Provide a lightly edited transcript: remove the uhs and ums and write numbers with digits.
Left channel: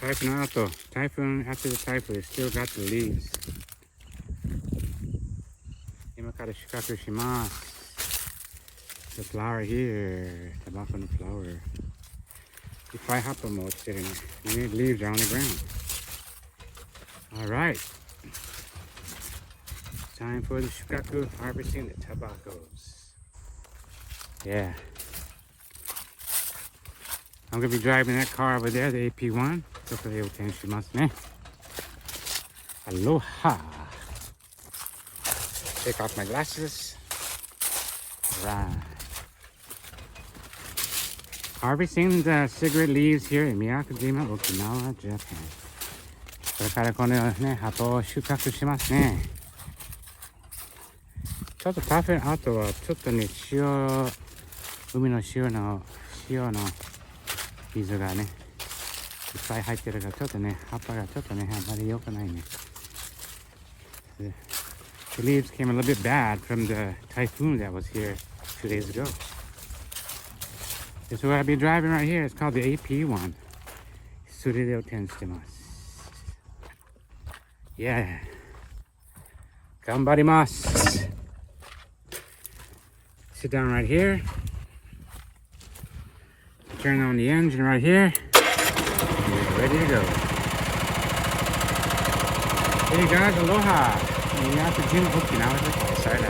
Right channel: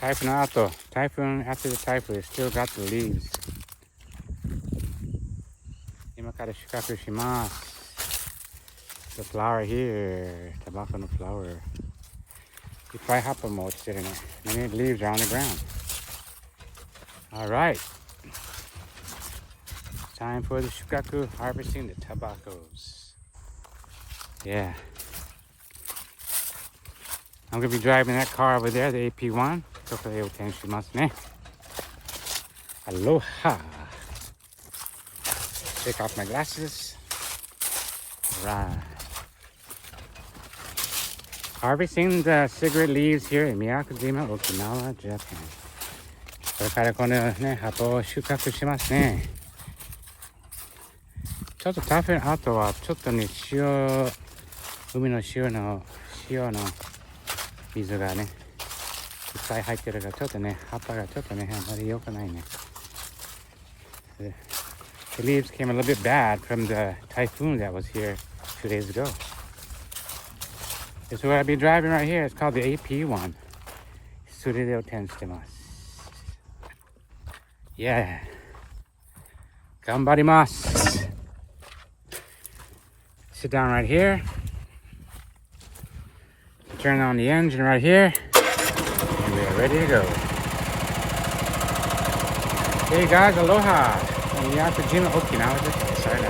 Typhoon after the typhoon, still got the leaves. 今から収穫します。The flower here, tobacco no flower. いっぱい葉っぱも落ちてるね。Many leaves are on the ground. Alright. Time for the shukaku, harvesting the tobaccos. Yeah. I'm going to be driving that car over there, the AP1. ちょっと運転しますね。Aloha. Take off my glasses. Right. Harvesting the cigarette leaves here in Miyakojima, Okinawa, Japan. これからこのね、葉っぱを収穫しますね。ちょっと台風の後は、ちょっとね、海の塩の水がね、いっぱい入ってるから、ちょっとね、葉っぱがちょっとね、あまり良くないね。The leaves came a little bit bad from the typhoon that was here 2 days ago. This is what I'll be driving right here. It's called the AP1. それで運転してます。Yeah. 頑張ります。Sit down right here. Turn on the engine right here. And we're ready to go. Hey guys, aloha. Miyakojima Okinawa. Sorry,